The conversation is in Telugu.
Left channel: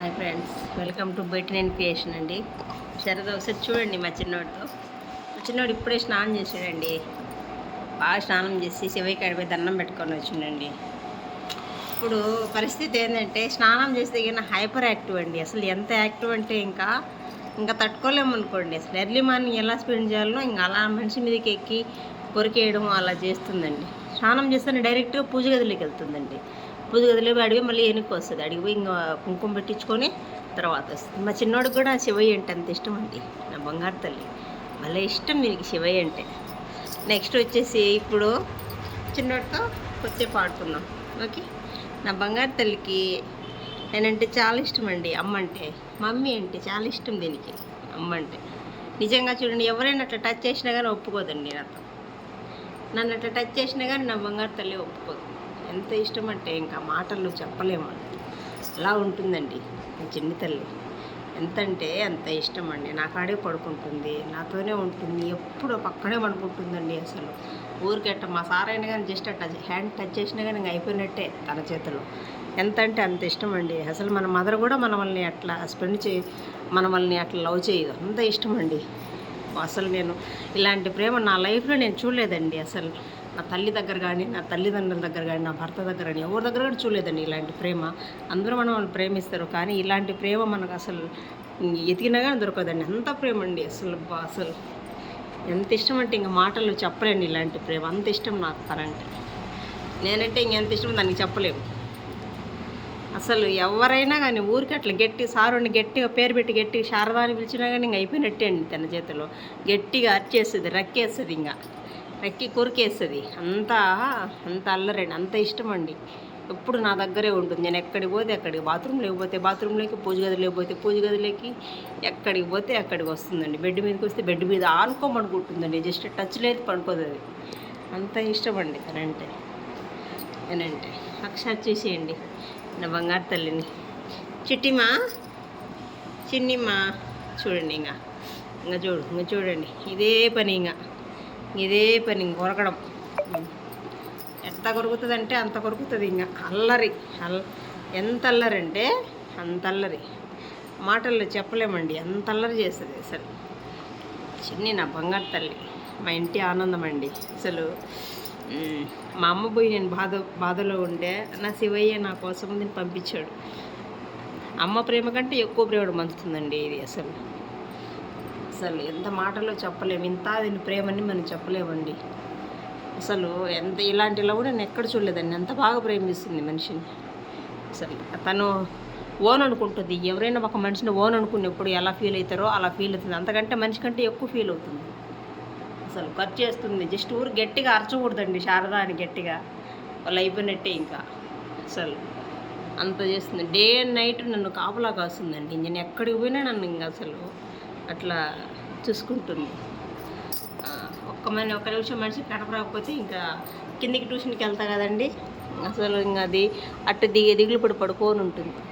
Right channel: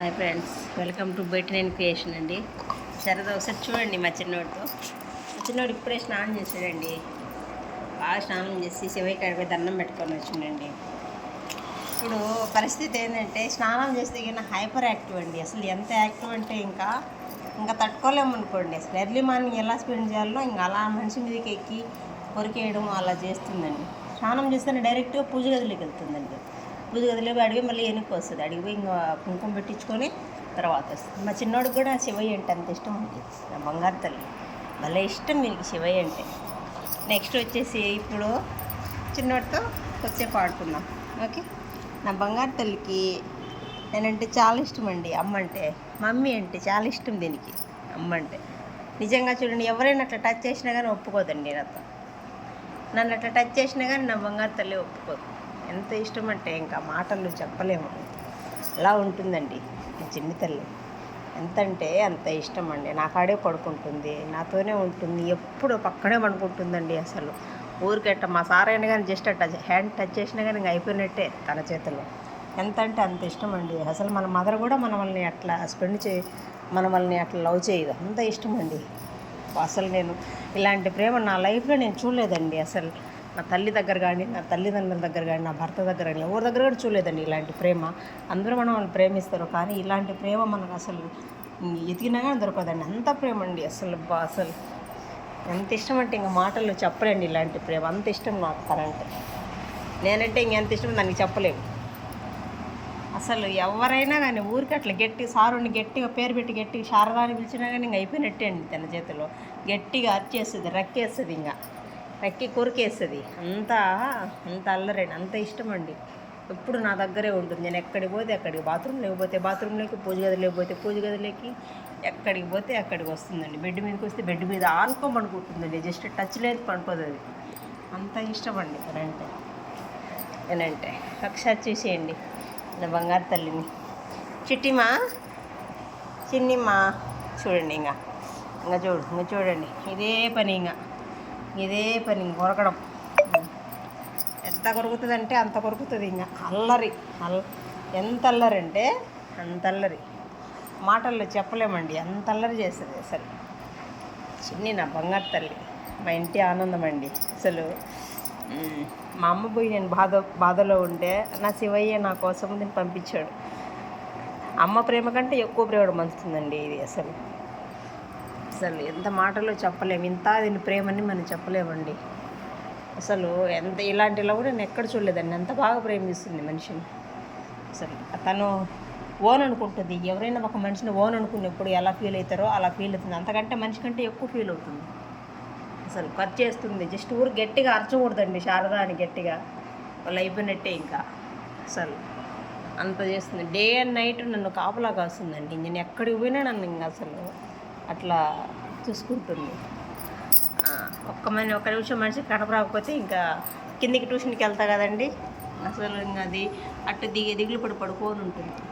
Hi friends, welcome to better and creation అండి. సరదా ఒకసారి చూడండి మా చిన్నోడు ఇప్పుడే స్నానం చేసాడండి. బాగా స్నానం చేసి శివయ్య కాడిపోయి దండం పెట్టుకొని వచ్చిండండి. ఇప్పుడు పరిస్థితి ఏంటంటే స్నానం చేస్తే కానీ హైపర్ యాక్టివ్ అండి. అసలు ఎంత యాక్టివ్ అంటే ఇంకా తట్టుకోలేము అనుకోండి. అసలు ఎర్లీ మార్నింగ్ ఎలా స్పెండ్ చేయాలో ఇంకా అలా మనిషి మీదకి ఎక్కి కొరికేయడం అలా చేస్తుందండి. స్నానం చేస్తేనే డైరెక్ట్గా పూజ గదిలోకి వెళ్తుందండి. పూజ గదిలో అడిగి మళ్ళీ వెనక్కి వస్తుంది. అడిగిపోయి ఇంకా కుంకుమ పెట్టించుకొని తర్వాత వస్తుంది. మా చిన్నోడికి కూడా శివయ్య అంటే అంత ఇష్టం అండి. నా బంగారు తల్లి భలే ఇష్టం దీనికి శివయ్య అంటే. నెక్స్ట్ వచ్చేసి ఇప్పుడు చిన్నోడితో కొద్దిసేపు ఆడుకుందాం. ఓకే, నా బంగారు తల్లికి నేనంటే చాలా ఇష్టం అండి. అమ్మ అంటే, మమ్మీ అంటే చాలా ఇష్టం దీనికి. అమ్మ అంటే నిజంగా చూడండి, ఎవరైనా అట్లా టచ్ చేసినా కానీ ఒప్పుకోదండి నాతో. నన్ను అట్లా టచ్ చేసినా కానీ నా బంగారు తల్లి ఒప్పుకోదు. ఎంత ఇష్టం అంటే ఇంకా మాటలు చెప్పలేము. అలా ఉంటుందండి నా చిన్ని తల్లి. ఎంత అంటే అంత ఇష్టం అండి. నా కాడే పడుకుంటుంది, నాతోనే ఉంటుంది, ఎప్పుడు పక్కనే పడుకుంటుందండి. అసలు ఊరికెట్ట మా సార్ అయినా కానీ జస్ట్ అట్ట హ్యాండ్ టచ్ చేసినా కానీ ఇంకా అయిపోయినట్టే తన చేతిలో. ఎంత అంటే అంత ఇష్టం అండి. అసలు మన మదర్ కూడా మనల్ని అట్లా మనల్ని అట్లా లవ్ చేయదు. అంత ఇష్టం అండి. అసలు నేను ఇలాంటి ప్రేమ నా లైఫ్లో నేను చూడలేదండి. అసలు నా తల్లి దగ్గర కానీ, నా తల్లిదండ్రుల దగ్గర కానీ, నా భర్త దగ్గర కానీ, ఎవరి దగ్గర కూడా చూడలేదండి ఇలాంటి ప్రేమ. అందరూ వాళ్ళు ప్రేమిస్తారు, కానీ ఇలాంటి ప్రేమ మనకు అసలు ఎతికినా కానీ దొరకదండి. అంత ప్రేమ అండి. అసలు ఎంత ఇష్టం అంటే ఇంకా మాటల్లో చెప్పలేండి ఇలాంటి ప్రేమ. అంత ఇష్టం నాకు తనంటే. నేనంటే ఇంకెంత ఇష్టం దానికి చెప్పలేము. అసలు ఎవరైనా కానీ ఊరికి అట్లా సారుని గట్టిగా పేరు పెట్టి గట్టిగా శారదా అని పిలిచినా కానీ ఇంక అయిపోయినట్టే అండి. తన చేతిలో గట్టిగా అరిచేస్తుంది, రక్కేస్తుంది, ఇంకా రక్కి కొరికేస్తుంది. అంత అల్లరండి. అంత ఇష్టం అండి. ఎప్పుడు నా దగ్గరే ఉంటుంది. నేను ఎక్కడికి పోతే అక్కడికి, బాత్రూమ్ లేకపోతే బాత్రూంలోకి, పూజ గది లేకపోతే పూజ గదిలోకి, ఎక్కడికి పోతే అక్కడికి వస్తుందండి. బెడ్ మీదకి వస్తే బెడ్ మీద పడుకుంటుందండి. జస్ట్ టచ్ లేదు, పడుకోదు. అది అంత ఇష్టం అండి తనంటే. నేనంటే ఒకసారి చూసేయండి నా బంగారు తల్లిని. చిన్నిమ్మా చూడండి. ఇంకా చూడండి. ఇదే పని కొరకడం. ఎంత కొరుకుతుందంటే అంత కొరుకుతుంది. ఇంకా ఎంత అల్లరి అంటే అంత అల్లరి. మాటల్లో చెప్పలేమండి, అంత అల్లరి చేస్తుంది. అసలు చిన్ని నా బంగారు తల్లి, మా ఇంటి ఆనందం అండి. అసలు మా అమ్మ పోయి నేను బాధలో ఉంటే నా శివయ్య నా కోసం దీన్ని పంపించాడు. అమ్మ ప్రేమ కంటే ఎక్కువ ప్రేమ పంచుతుందండి ఇది. అసలు ఎంత మాటలో చెప్పలేము. దీని ప్రేమని మనం చెప్పలేమండి. అసలు ఎంత ఇలాంటి లవ్ నేను ఎక్కడ చూడలేదండి. అంత బాగా ప్రేమిస్తుంది మనిషిని. అసలు తను ఓన్ అనుకుంటుంది. ఎవరైనా ఒక మనిషిని ఓన్ అనుకున్నప్పుడు ఎలా ఫీల్ అవుతారో అలా ఫీల్ అవుతుంది. అంతకంటే మనిషి కంటే ఎక్కువ ఫీల్ అవుతుంది. అసలు ఖర్చు చేస్తుంది. జస్ట్ ఊరు గట్టిగా అరచకూడదండి శారదా అని. గట్టిగా వాళ్ళు అయిపోయినట్టే. ఇంకా అసలు అంత చేస్తుంది. డే అండ్ నైట్ నన్ను కాపలా కాస్తుందండి. నేను ఎక్కడికి పోయినా నన్ను ఇంకా అసలు అట్లా చూసుకుంటుంది. ఒక్క నిమిషం మనిషికి కనపరాకపోతే ఇంకా కిందికి ట్యూషన్కి వెళ్తా కదండి. అసలు ఇంకా అది దిగులు పడుకోని ఉంటుంది.